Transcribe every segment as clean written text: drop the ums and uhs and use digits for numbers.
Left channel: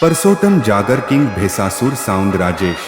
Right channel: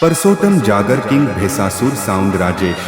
પરસોટમ Jagr king ભેસાસુર સાઉન્ડ રાજેશ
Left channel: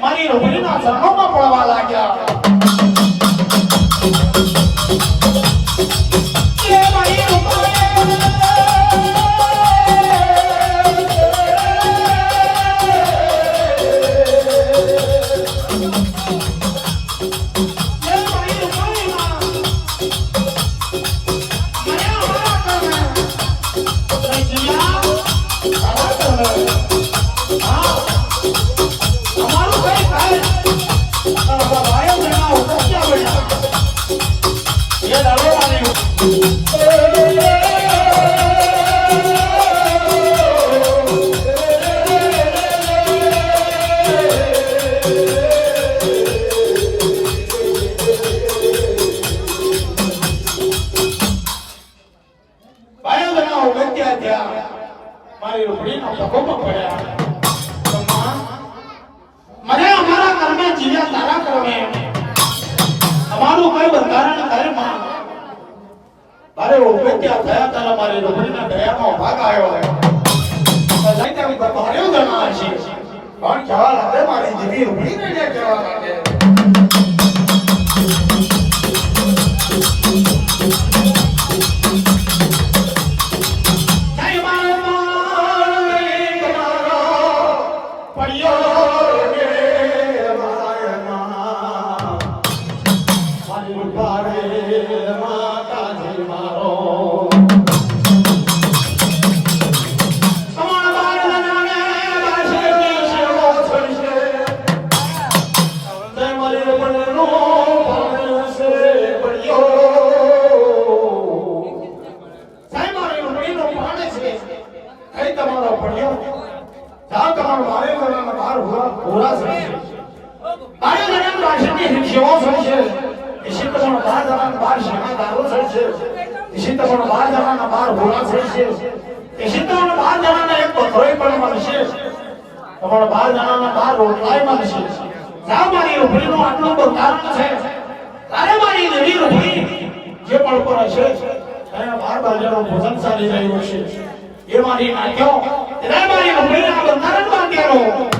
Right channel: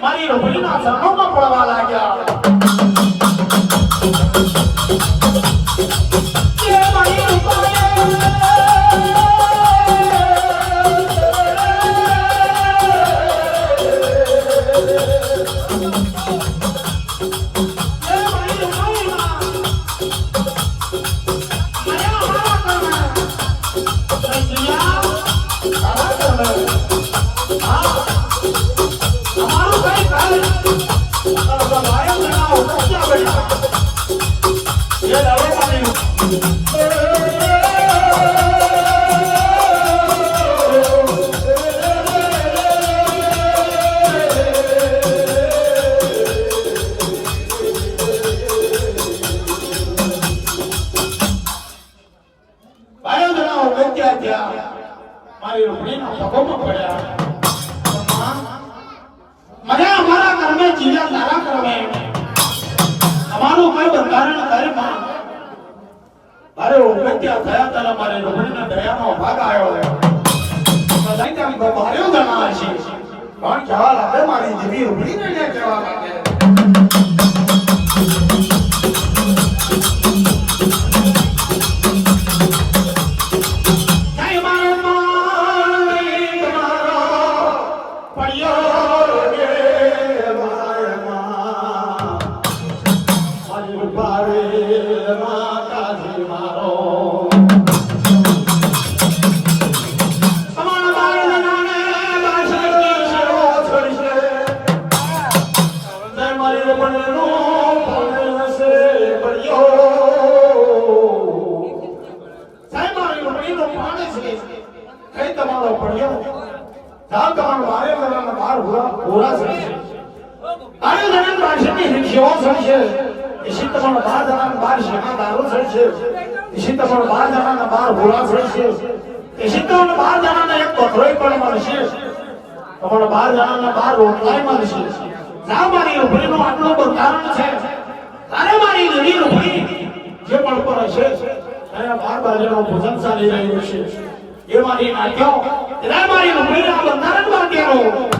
મારી રોહિણીના ચરણોમાં પડવા લાગ્યા. મારીનો પ્રાણ છે કઈ તમારો પડ્યો જા તમારો બારે મહિનાના બાર પૂરા થશે બારે મહિનાના રાશિની હિંસેઓ થશે इसी તમારો બાર જણાના બાર શિકાદારો થશે इसी તમારો બાર જણાના બાર પૂરા થશે इसी તમારો બાર જણાના એક બકરોય પણ મળશે તમારો બાર જણાના બાર રોટલાય મળશે જા મારી રૂપડીનું આટલું બંધારણ છે તારે મારી દેવી રૂપડી જે પણ પર હશે એના બાર બાજુનો ભોજન ચાલી રહ્યું છે એ મારી નાખ્યો એટલે મારી રૂપડીના બંધારણ બાંધ્યારો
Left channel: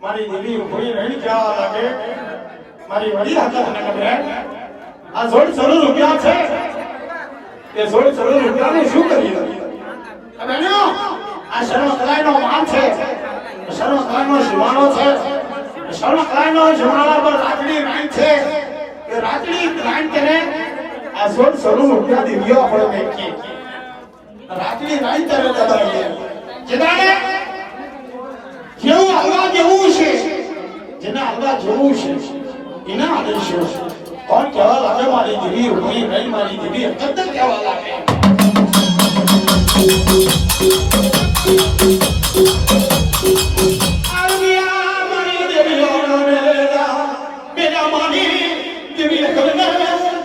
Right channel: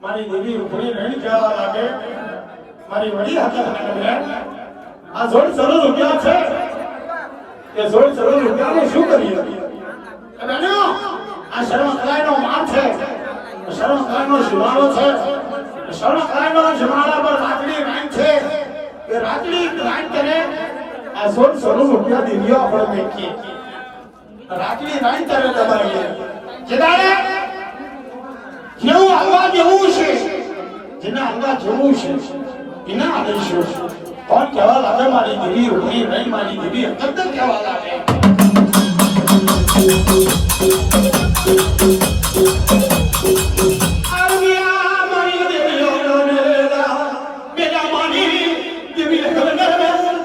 મારી દેવી રૂપડી નહીં જવા લાગે મારી વડી હતા મને ખબર આ 16 રૂપિયા છે એ 16 રૂપિયાને શું કરીએ બેનો આ શર્મકલાઈનો માલ છે શર્મકલાઈનો સુમાળો છે શર્મકલાઈનો સુમાળા પર રાતડી રાઈન છે એ રાતડી રાઈન કરે આ 16 રૂપિયા દેવીઓ આપણે મેકી રાતડી રાઈન કરે દબાઈએ જેદાને જેવું હલવા જેવું છે જેના હલવા જેવું છે એના આદેશો કોણ કહેવા લાગે મારી દેવી રૂપડી નહીં મારી દેવી એકદમ કહેવા લાગે આવિયા મારી દેવી બેટા મારી દેવી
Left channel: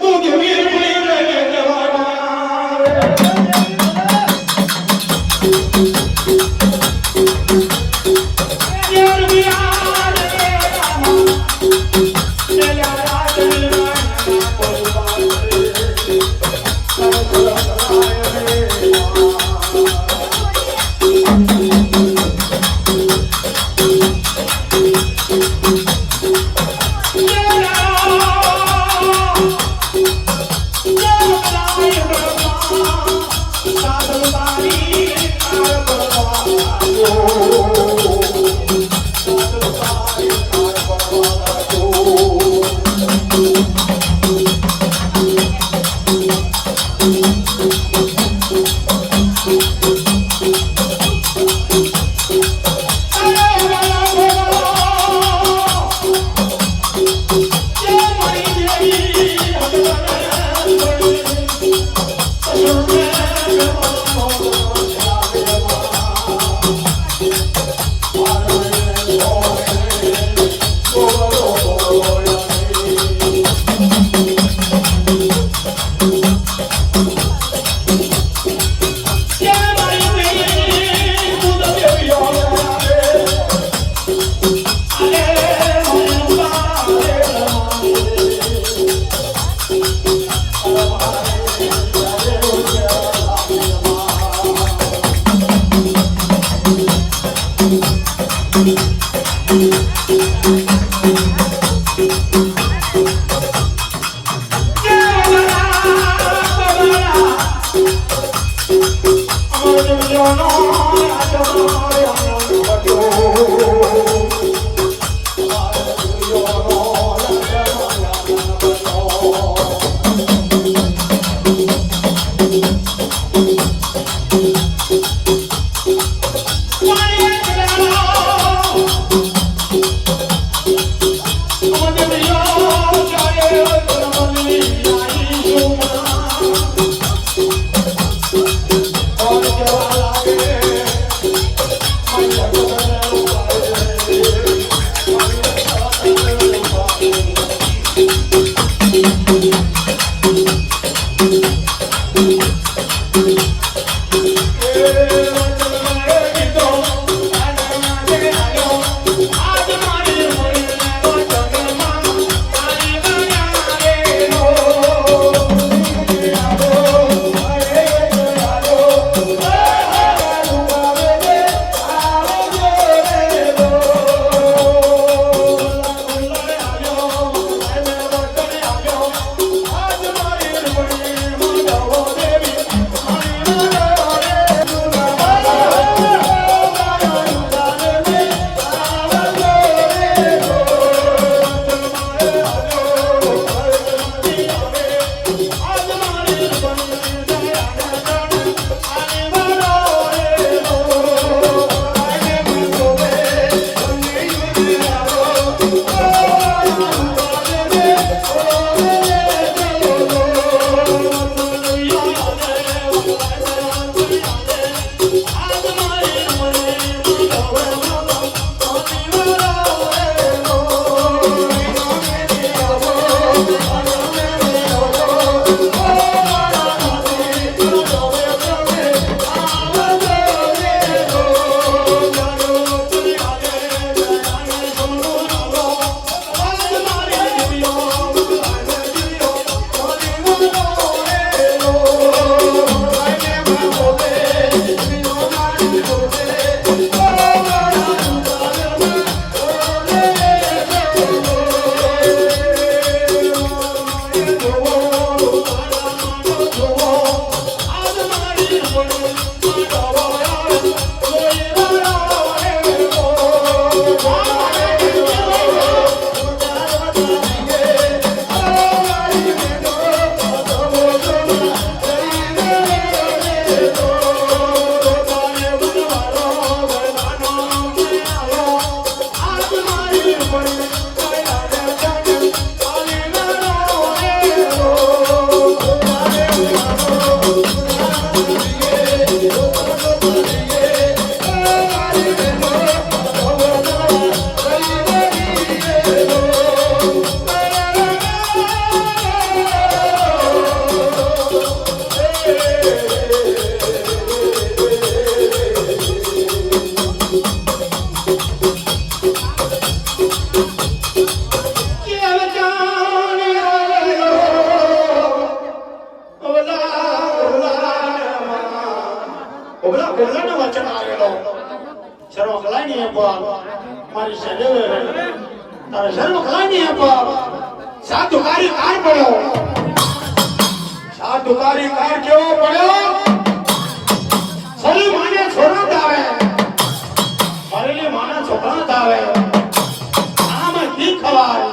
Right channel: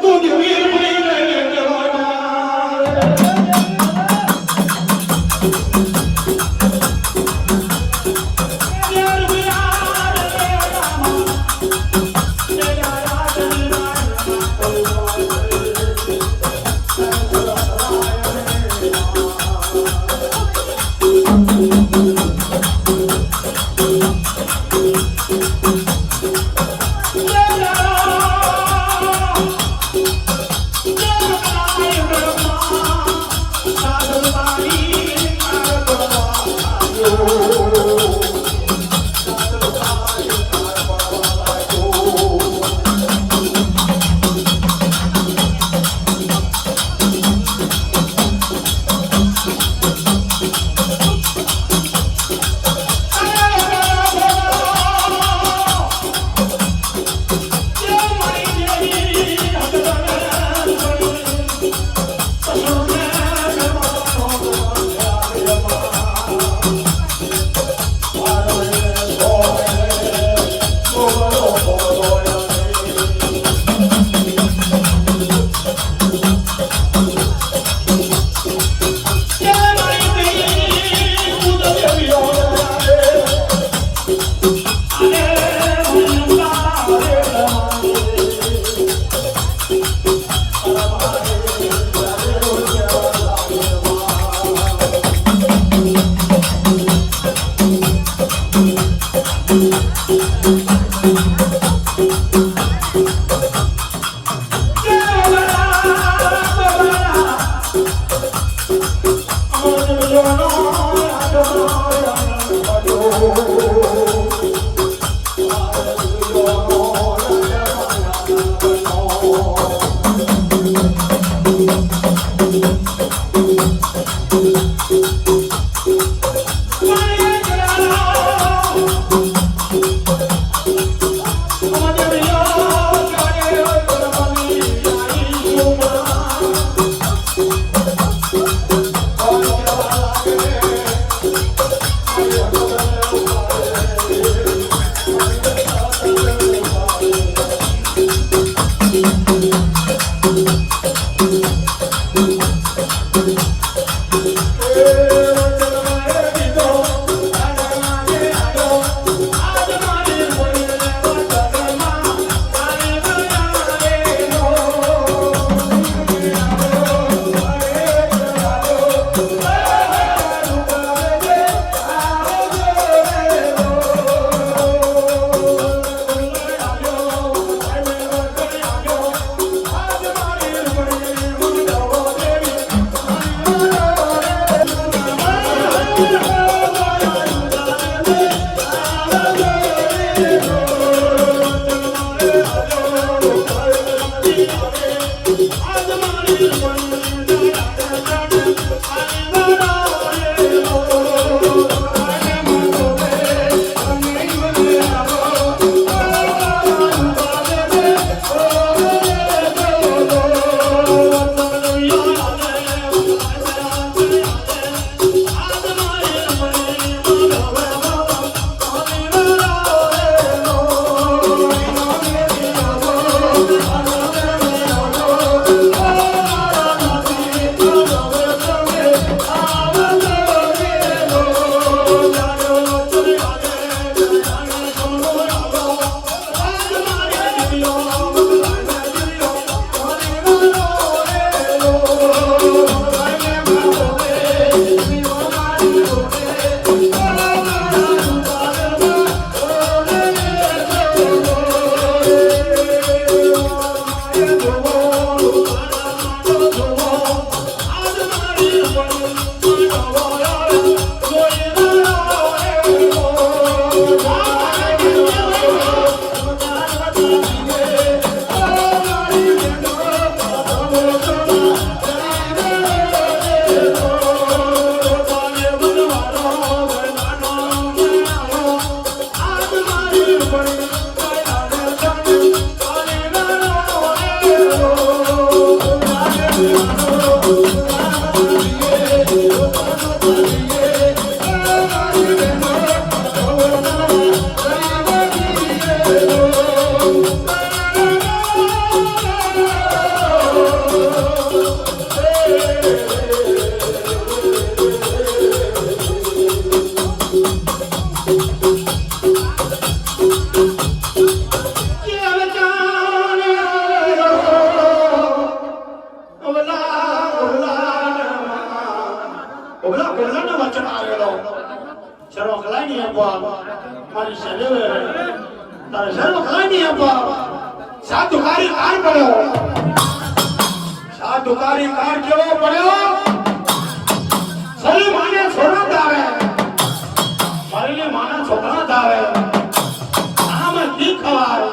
તું દેવી રૂપડી નહીં સાધુકારી કાર પડ્યો સાધુકારી કાર કેવો પડ્યો સરી માને છોરો આવે સરીની માને છોકરો આવે આમ કી ખવાય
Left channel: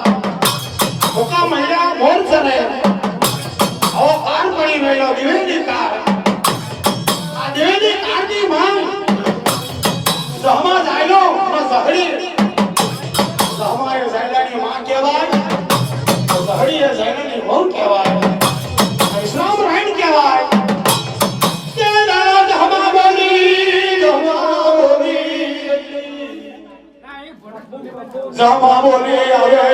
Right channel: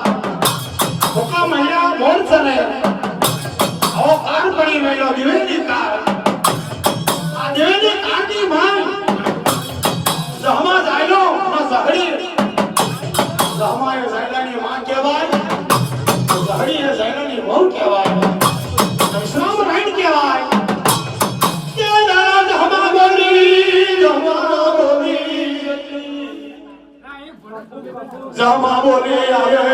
કોકા મહિલા મોર ચલે આવો કાર પડી રહ્યો દિવેલી કાર આ દિવેલી કારની માંગ જહમા જાયલો માં સહડી જહમાએ જાયલાની માં કહેવાય સહડી એ જાયલાની વહુ કહેવાય ઇસ્લામ રાઈન કહેવાય કે ના જહમા બોલી જહમા બોલી આવે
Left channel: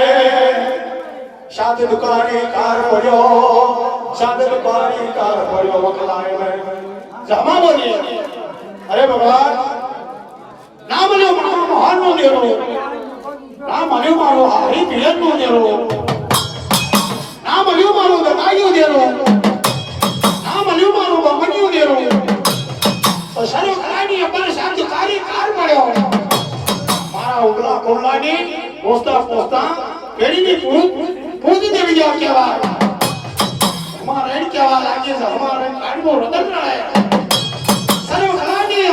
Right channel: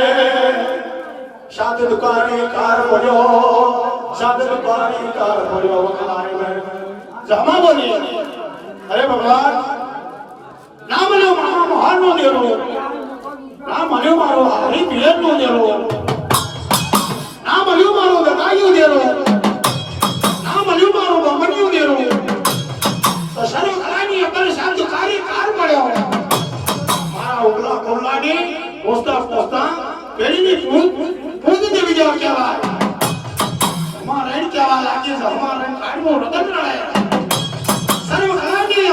સાત દુકાની કાર પડ્યો સાત દુકાની કાર પડ્યો વખલાય મે જહમા બોલી અરે ભગવાન નામ લ્યો મારો મહાન નો દેરો નામ લ્યો મારો હારી પિયર નો દેરો નામ લ્યો મારો દબાઈયો દેરો નામ લ્યો મારો બમણીયો દેરો તો સર્વ કરાની અપર સાધુકારી કાર પડ્યો મારા ઉગલા કોલાની પોસ્તા પોસ્તા પેલીની પૂજ દેવી જાવ કહેવાય અમારે કહેવાય આજે અમારે કાઢવો રતન લડાય સર્વ કરાની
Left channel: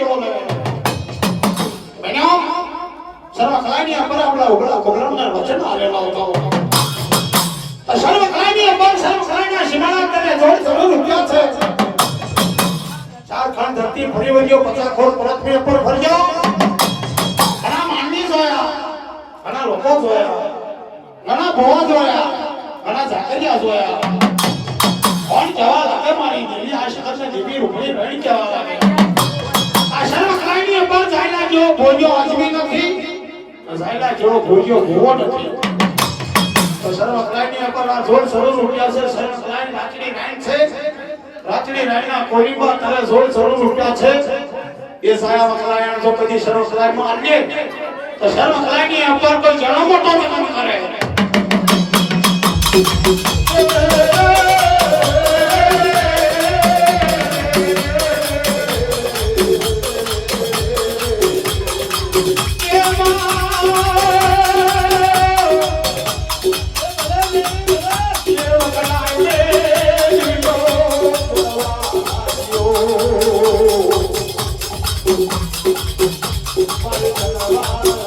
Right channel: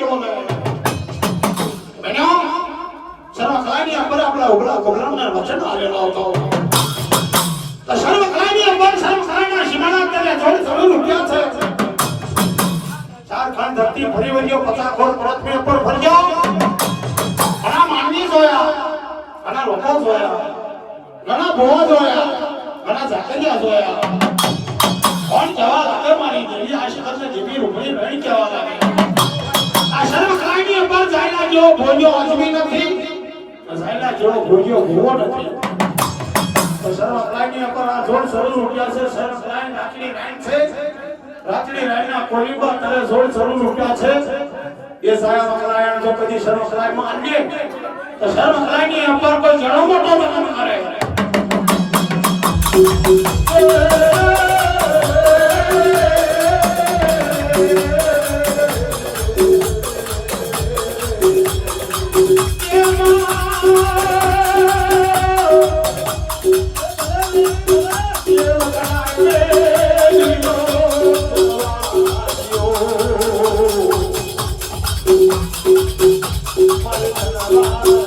કેવો લાગે બહેનો સર્વ કલાની ઉપર આપણા ઉગડા પ્રોગ્રામના વચન આલેલો હતો તો સર્વ કલાની ઉપર સર્વ કલાના સીમાના કરે જોડ જરૂર રૂપિયા છે ચાર ખાન ધરતી ફરી વળ્યો 50 ખોળ પૃથ્વી ઉપર ફર્યો ઘણા માનવી જોયા ઘણા લોકો જોયા ઘણા ભોવા જોયા ઘણા ઝાકરિયા જોયા કોણ જવા લાગે મારી દેવી આ શિખરને જીવી રૂપડી રણી કહેવા લાગે આ સર્વ કલાની ઉપર જાયલા જેવો ભોજો અજમી નથી જાયલા જેવો ભોજો ભોવો નથી તો સર્વ કલાની ઉપર આ જોડ શરૂ રૂપિયા છે સર્વ કલાની રાચડી રાણી છે રાચડી રાણીના કોરીબા કરે જોડ શરૂ રૂપિયા છે એ સાયા મકલાયણ જો કદી સર્વ કલાઈમાં આને તો સર્વ કલાની ઉપર કોઈ જણો મોટો કામ કરે Bye.